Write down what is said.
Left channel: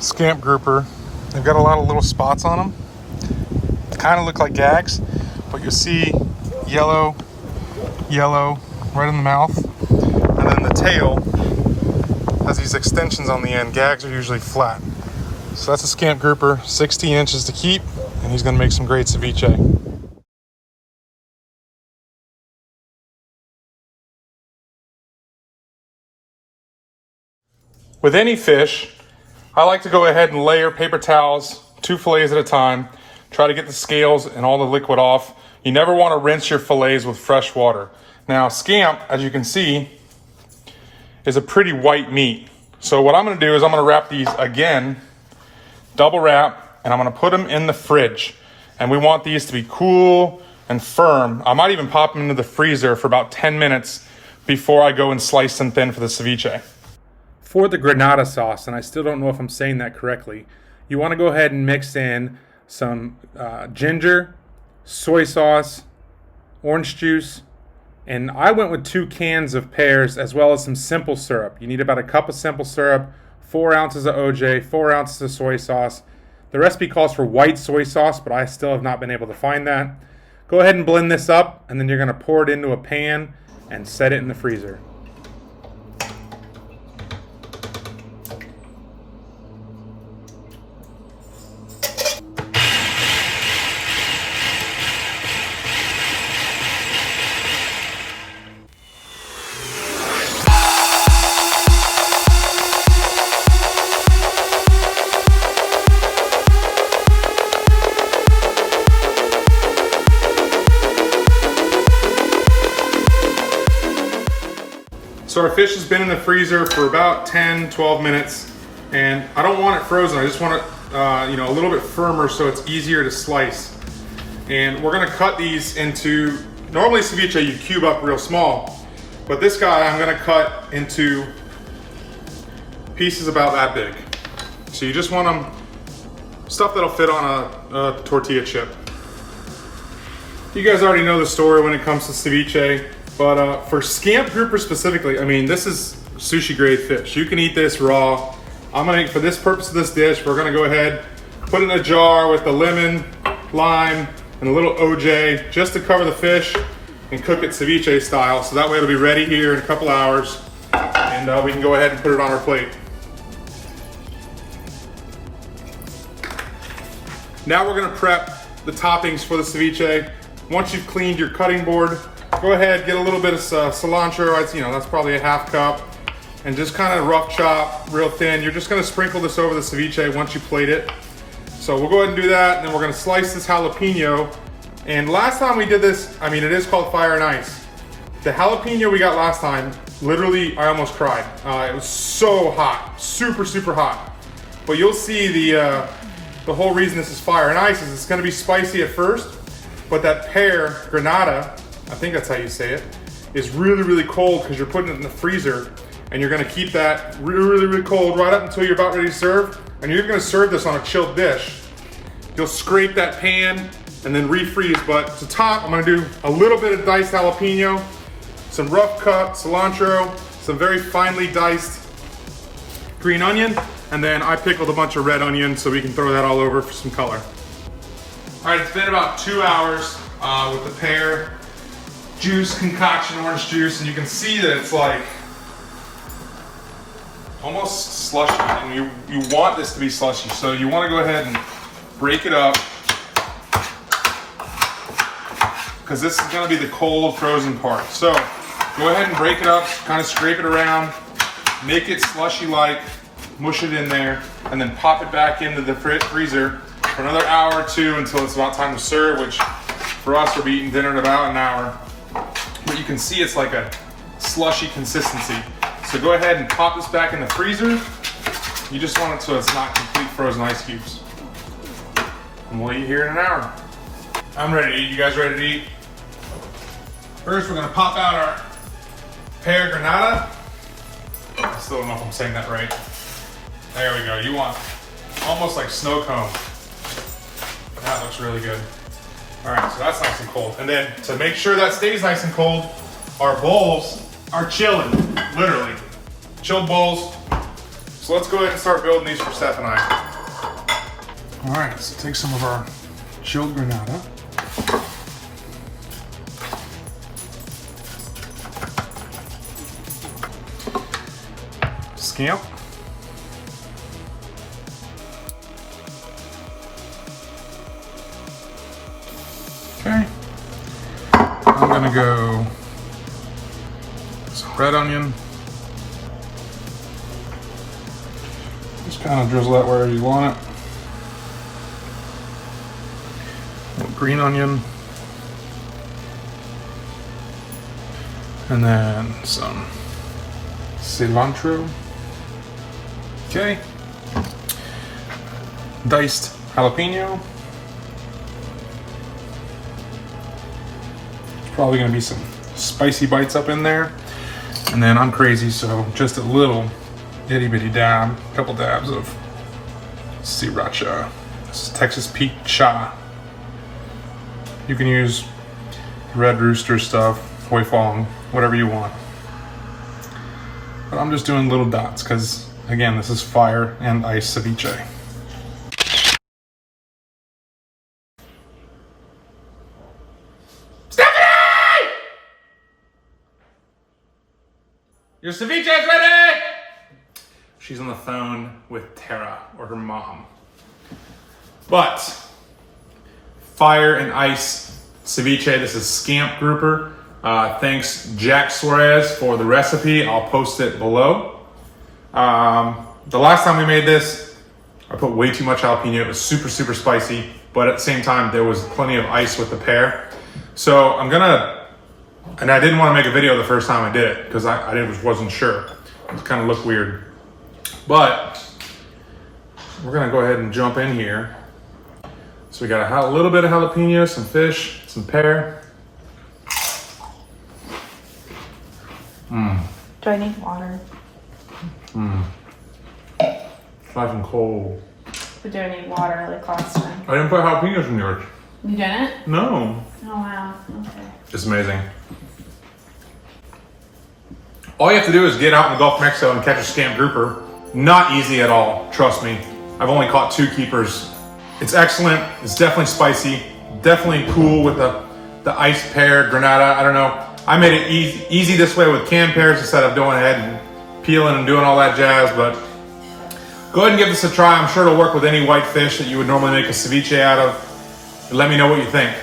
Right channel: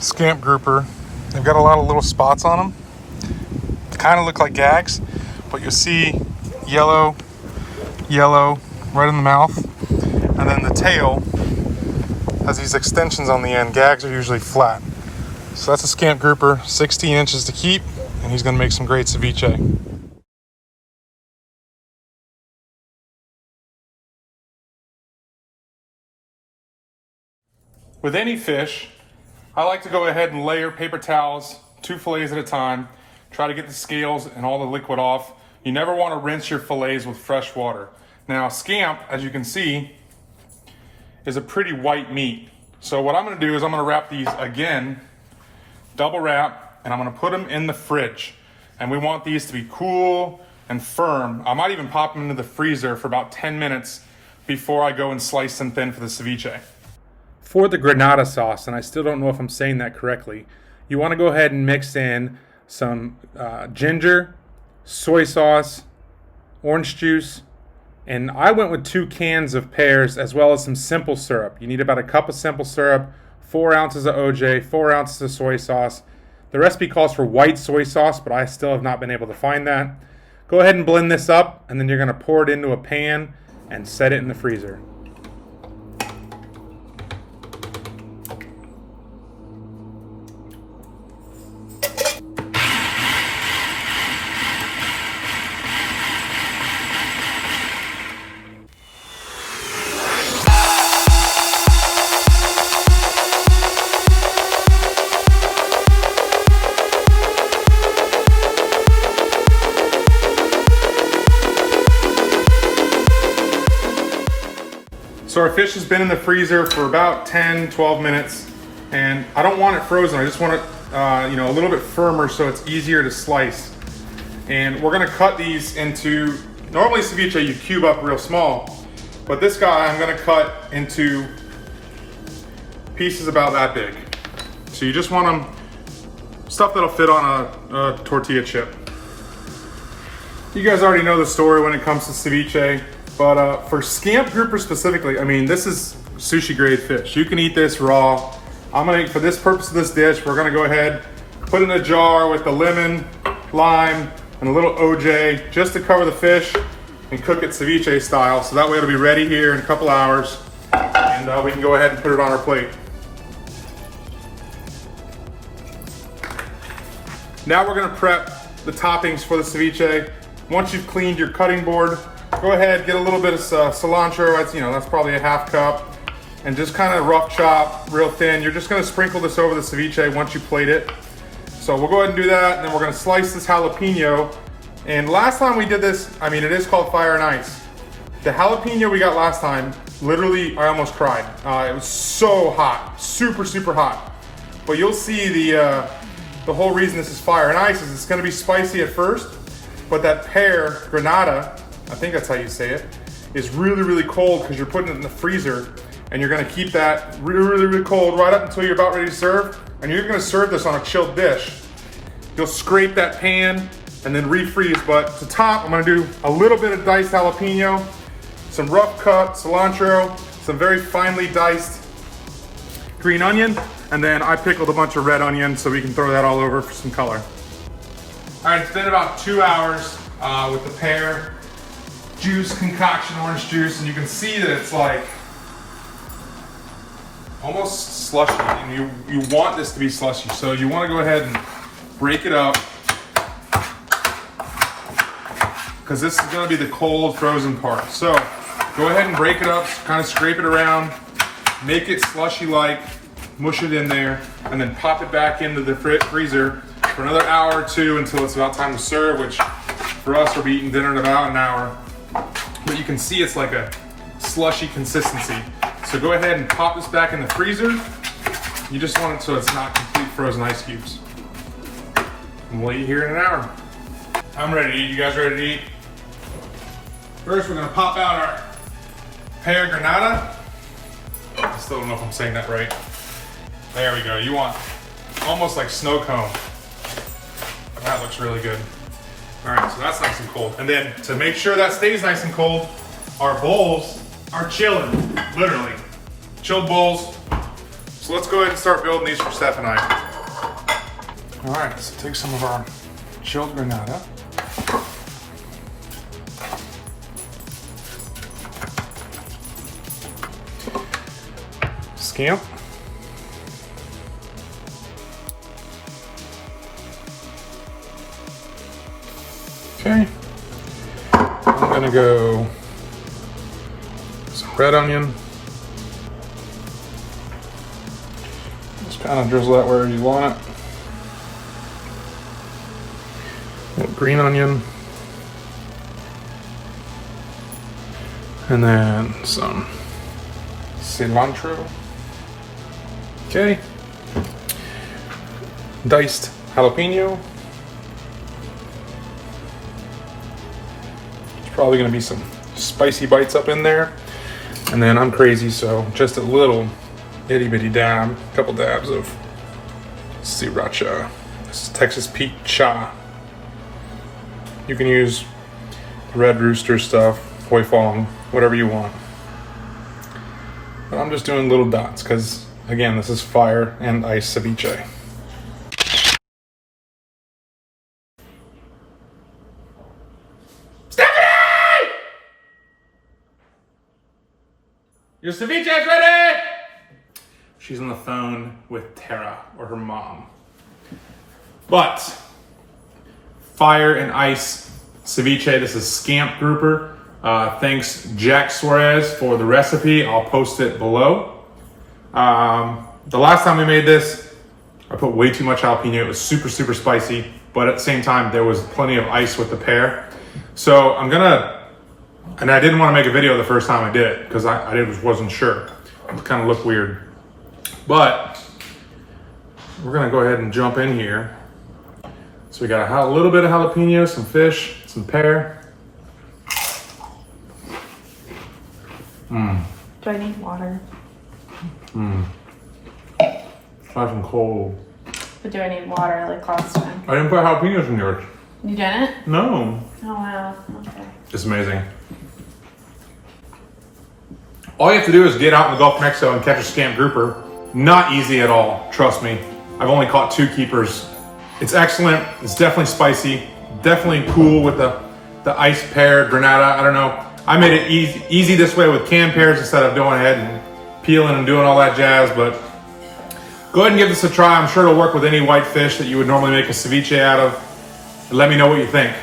Scamp grouper. They've got a lot of little spots on them. Kind of look like gags, but you'll see yellow right in the mouth. And then the tail has these extensions on the end. Gags are usually flat. So that's a scamp grouper, 16 inches to keep, and he's gonna make some great ceviche. With any fish, I like to go ahead and layer paper towels, 2 fillets at a time. Try to get the scales and all the liquid off. You never want to rinse your fillets with fresh water. Now, scamp, as you can see, is a pretty white meat. So what I'm going to do is I'm going to wrap these again, double wrap, and I'm going to put them in the fridge. And we want these to be cool and firm. I might even pop them into the freezer for about 10 minutes before I go and slice them thin for the ceviche. For the granita sauce, and I still don't know if I'm saying that correctly, you want to go ahead and mix in some ginger, soy sauce, orange juice, and I went with 2 cans of pears as well as some simple syrup. You need about a cup of simple syrup, 4 ounces of OJ, 4 ounces of soy sauce. The recipe calls for white soy sauce, but I still have not been able to find that. Go ahead and blend this up, and then you're going to pour it into a pan and set it in the freezer. So our fish has been in the freezer for about 10-12 minutes, and I don't want it frozen. I just want it a little bit firmer so it's easier to slice. And we're gonna cut these into, normally ceviche you cube up real small, but this guy I'm gonna cut into pieces about that big. So you just want them, stuff that'll fit on a tortilla chip. You guys already know the story when it comes to ceviche. But for scamp grouper specifically, I mean, this is sushi grade fish. You can eat this raw. For this purpose of this dish, we're gonna go ahead, put it in a jar with the lemon, lime, and a little OJ just to cover the fish and cook it ceviche style. So that way it'll be ready here in a couple hours and we can go ahead and put it on our plate. Now we're gonna prep the toppings for the ceviche. Once you've cleaned your cutting board, go ahead, get a little bit of cilantro, that's probably a half cup, and just kind of rough chop, real thin. You're just gonna sprinkle this over the ceviche once you plate it. So we'll go ahead and do that, and then we're gonna slice this jalapeno. And last time we did this, it is called fire and ice. The jalapeno we got last time, literally, I almost cried. It was so hot, super, super hot. But you'll see the whole reason this is fire and ice is it's gonna be spicy at first, but that Pear Granita, I think that's how you say it, is really, really cold because you're putting it in the freezer, and you're gonna keep that really, really cold right up until you're about ready to serve, and you're gonna serve this on a chilled dish. You'll scrape that pan and then refreeze, but to top, I'm gonna do a little bit of diced jalapeno, some rough cut cilantro, some very finely diced green onion, and then I pickled a bunch of red onion so we can throw that all over for some color. All right, it's been about 2 hours with the pear juice concoction, orange juice, and you can see that it's like almost slushy, and you want this to be slushy, so you want to go ahead and break it up because this is going to be the cold frozen part. So go ahead and break it up, kind of scrape it around, make it slushy like, mush it in there, and then pop it back into the freezer for another hour or 2 until it's about time to serve, which for us we'll be eating dinner in about an hour. But you can see it's like a slushy consistency. So go ahead and pop this back in the freezer. You just want it so it's not complete frozen ice cubes. And we'll eat here in an hour. I'm ready to eat. You guys ready to eat? First, we're gonna pop out our Pear Granita. I still don't know if I'm saying that right. There we go. You want almost like snow cone. That looks really good. All right, so that's nice and cold. And then to make sure that stays nice and cold, our bowls are chilling, literally. Chilled bowls. So let's go ahead and start building these for Steph and I. All right, so take some of our chilled granita. Scamp. Okay. I'm gonna go some red onion. Just kind of drizzle that wherever you want it. A little green onion. And then some cilantro. Okay. Diced jalapeno. There's probably gonna be some spicy bites up in there. And then I'm crazy, so just a little itty bitty dab, a couple dabs of sriracha. This is Texas Pete Cha. You can use Red Rooster stuff, Hoi Fong, whatever you want. But I'm just doing little dots because, again, this is fire and ice ceviche. Stephanie! Your ceviche is ready! She's on the phone with Tara, or her mom. But, fire and ice ceviche, this is Scamp grouper. Thanks Jack Suarez for the recipe. I'll post it below. The last time we made this, I put way too much jalapeno. It was super, super spicy, but at the same time, there was plenty of ice with the pear. So I'm gonna, and I didn't want to make a video the first time I did it because I wasn't sure. It kind of looked weird. But we're gonna go ahead and jump in here. So we got a little bit of jalapeno, some fish, some pear. Do I need water? Try some cold. But do I need water like last time? I didn't put jalapenos in yours. You didn't? No. Oh wow, okay. It's amazing. All you have to do is get out in the Gulf of Mexico and catch a Scamp grouper. Not easy at all, trust me. I've only caught 2 keepers. It's excellent, it's definitely spicy, definitely cool with the iced pear, granita, I don't know. I made it easy this way with canned pears instead of going ahead and peeling and doing all that jazz, but go ahead and give this a try. I'm sure it'll work with any white fish that you would normally make a ceviche out of. And let me know what you think.